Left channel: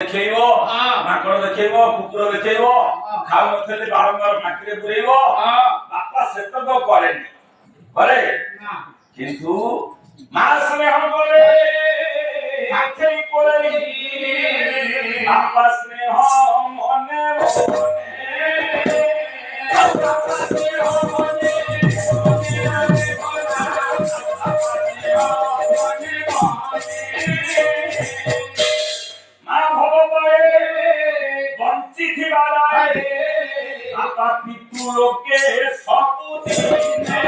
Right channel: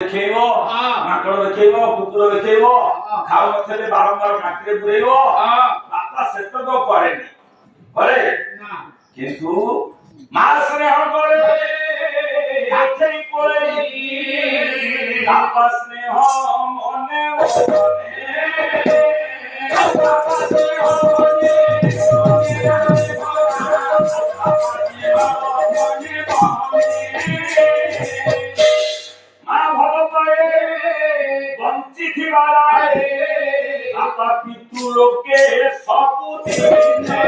ଦେଖେଇବ ମାଙ୍କଡ ଦେଖେଇବ କୁକୁର ଦେଖେଇବ ଖାଉ ନଥିଲେ ବାରମ୍ବାର ପାଟିରେ ପୁରେଇବ ବାପା ସେତକ କରେନି କରେ କିନ୍ତୁ ମା ସ୍ନେହ କରେ ଆଖେଇ କୋଳେଇ ବାପା ସ୍ନେହ ମନେ ମନେ ବାପା ସ୍ନେହ ମନେ बापा पितु लोके सबु दिने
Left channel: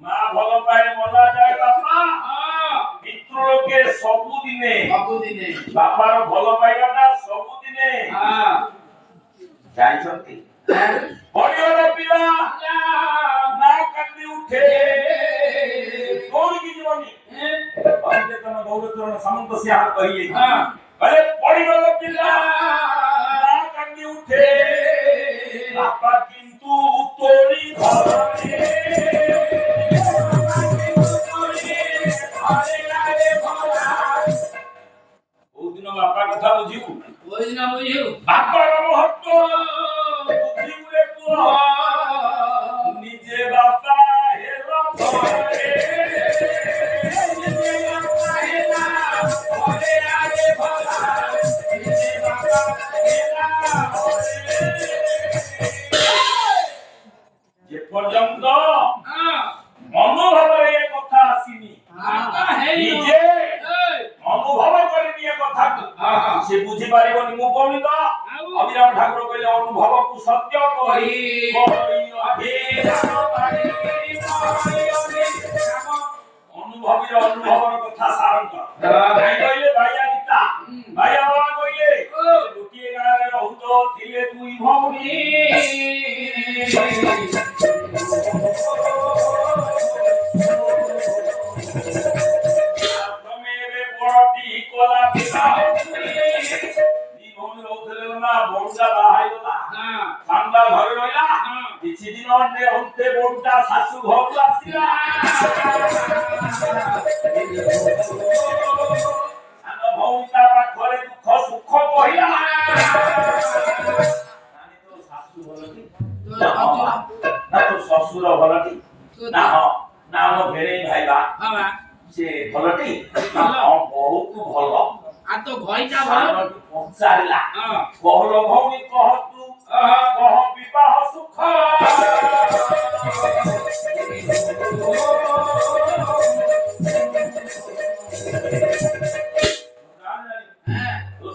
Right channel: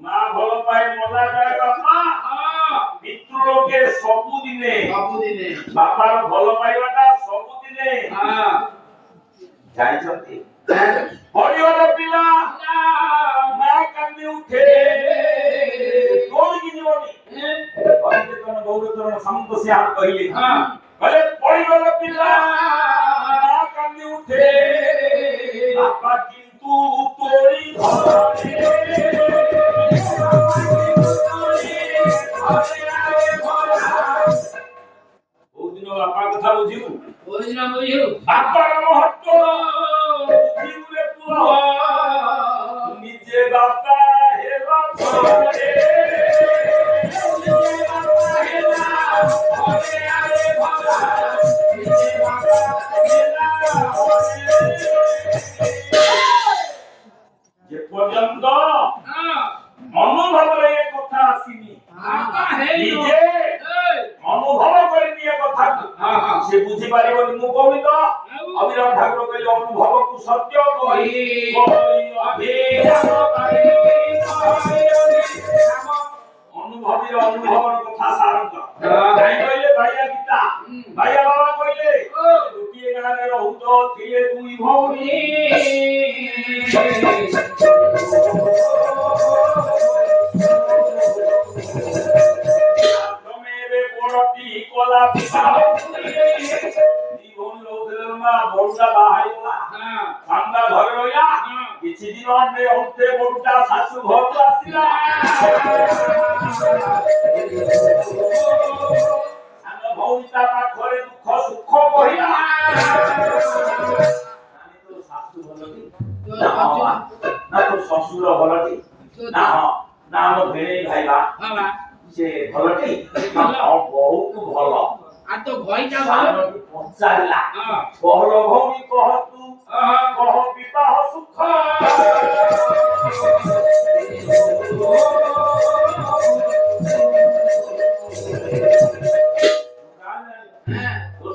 मां भल पाए मजा जाए बापा पितु लोके सबु दिने बापा रो भल पाइबाटा सबु दिने जाई छथि बड़ी वाला पिला ना कांदी उठे कौन की जीवनी पंडितन गौरतन समंत से आप कहिए भले पड़ी वाला पिला ना कांदी उठे बापा किंतु तोड़ी घरे ओ दिन बापा कथा बुझिबु बापा महत्व बुझिबुले पुआ निजे बापा हेला घरे जे पर्यंत मनोभाव रे कथा आसीनी निजे मनोभाव करिनी ए कथा से बुझी पारिबनी मु कोनी तो अभिराम ठाकुर कहले अनुभव को सत्य कहि अभिराम पारि अनुभवी अनुभवर कथा सारंत भाई कहले भाइया गीता भाइया बाबा कहले गोटिए गाना रे रहउतो थिले दुई भौणी तमेबे बड़टी कोला पिता दी भौणी रहउतले ना बड़टा बाहाइला सामना घरे रहिला किछि दिन अन्ने होते बड़टा सासु घर आसीला सानो भौणीटा पाखरे दुख सुख कहिला नानी तो सासु भलती ना तो ससुर भलती ना ना हम भेणे भाई बा से भलती ना बहुत भल आ तो भईटा भल पचारिला कहलो भौणी कह तू कह विवाह सुख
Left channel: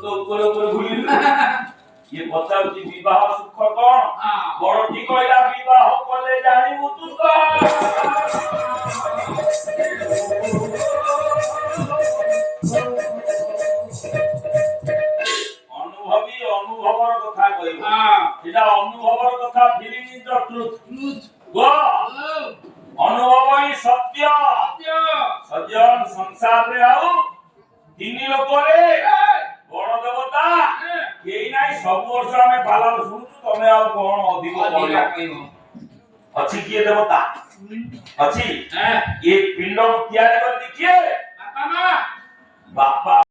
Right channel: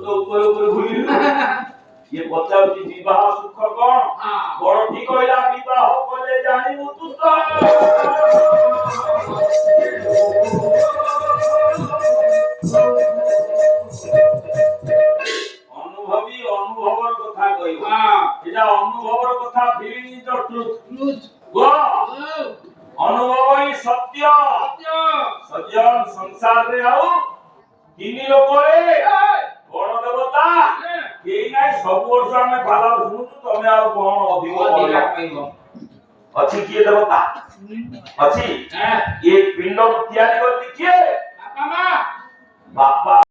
तो ऊपर घुलिल ये बताओ कि विवाह सुख कौन बड़ ठीक कहला विवाह कले जानिबु तू तो अनुभवी अनुभवर कथा कहिबो एटा अनुभवर कथा फीलिंग इज द ट्रुथ गो अनुभव ही सत्य सज्जन संसार रे आउ तीन लोक रे बड़ देवता केई नाही सब वर्ष हमें बाला सुनु तमे आ कोन अधिक कहलो अछि किए देवता अछि ये पिंड को तैयारी करती किए बापा